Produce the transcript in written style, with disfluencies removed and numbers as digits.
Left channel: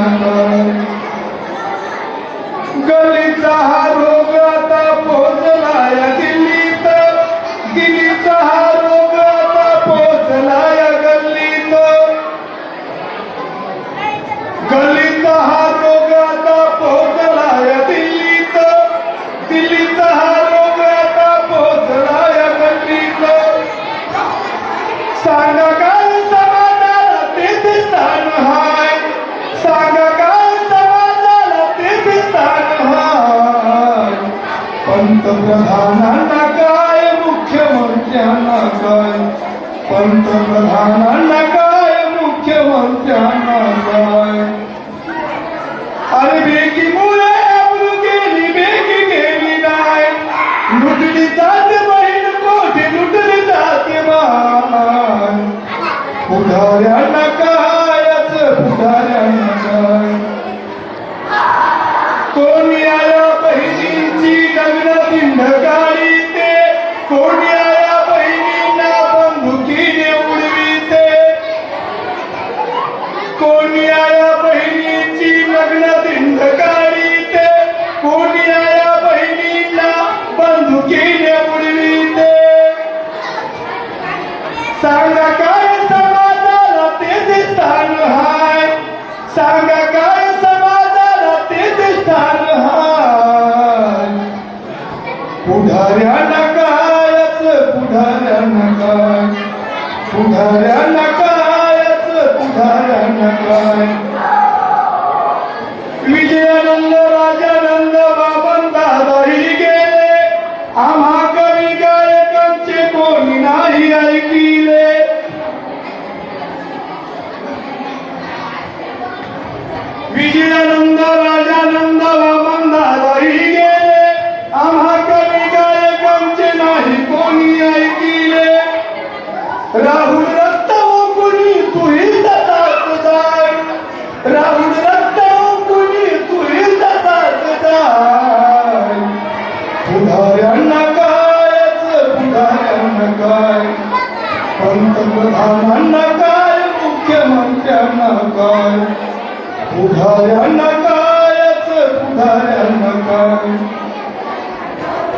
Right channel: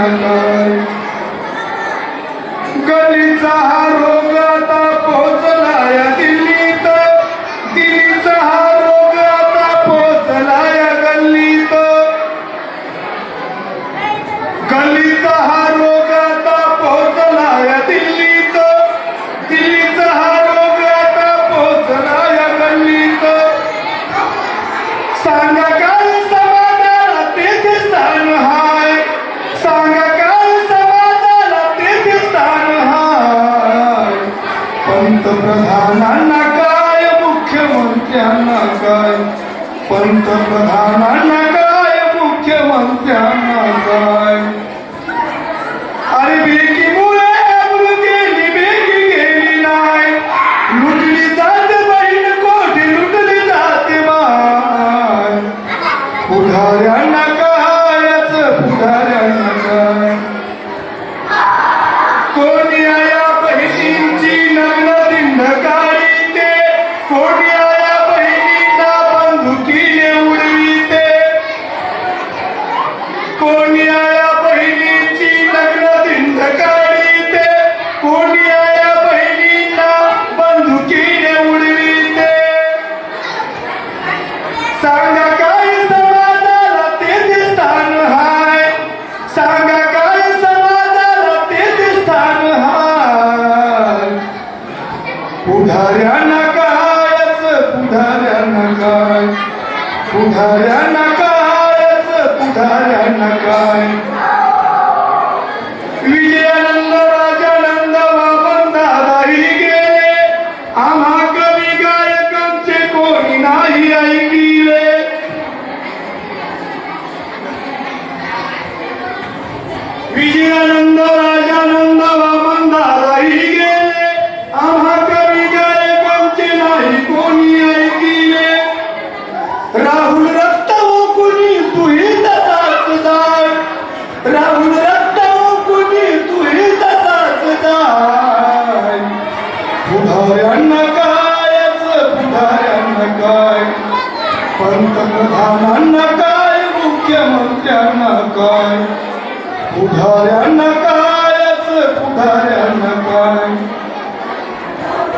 पुढाऱ्यांना काय गलीचा हा रोग आता पोहोचला या दिल्लीत दिल्लीचा हा रोग आता पोहोचला या गल्लीत गल्लीचा हा रोग आता पोहोचला या दिल्लीत दिल्लीचा हा रोग आता पोहोचला या गल्लीत सांगा काय समाजाला तेथे स्थान हाय सांगा काय समाजाला तेथे स्थान हाय पंतप्रधानांना काय मुख्यमंत्र्यांना काय पंतप्रधानांना काय मुख्यमंत्र्यांना काय अरे बेकीमुळे अब्रू केली बेकी केली नाही लुटली जाते बहीण कोठे लुटली जाते माय पुढाऱ्यांना कायच पुढाऱ्यांना काय कोणी आया बहिणींची लग्न दिंडकाळी ते कोणी आया बहिणींना बंदुकीने उडवीते कोणी आया बहिणींची लग्न दिंडकाळी ते कोणी आया बहिणींना बंदुकीने उडवीते सांगा काय समाजाला तेथे स्थान हाय सांगा काय समाजाला तेथे स्थान हाय पुढाऱ्यांना कायच पुढाऱ्यांना काय पुढाऱ्यांना कायच पुढाऱ्यांना काय विजयानंद राजानंद बाबन दादाही गेले आम्हा कवी गायकांचे कोणी नाही ऐकिले विजयानंद राजानंद बाबन दादाही गेले आम्हा कवी गायकांचे नाही कोणी ऐकिले राहुल रक्त कुणी तुही तसाच जाय राहुल रक्त कुणी तुही तसाच जाय पुढाऱ्यांना कायच पुढाऱ्यांना काय पंतप्रधानांना काय मुख्यमंत्र्यांना काय पुढाऱ्यांना कायच पुढाऱ्यांना काय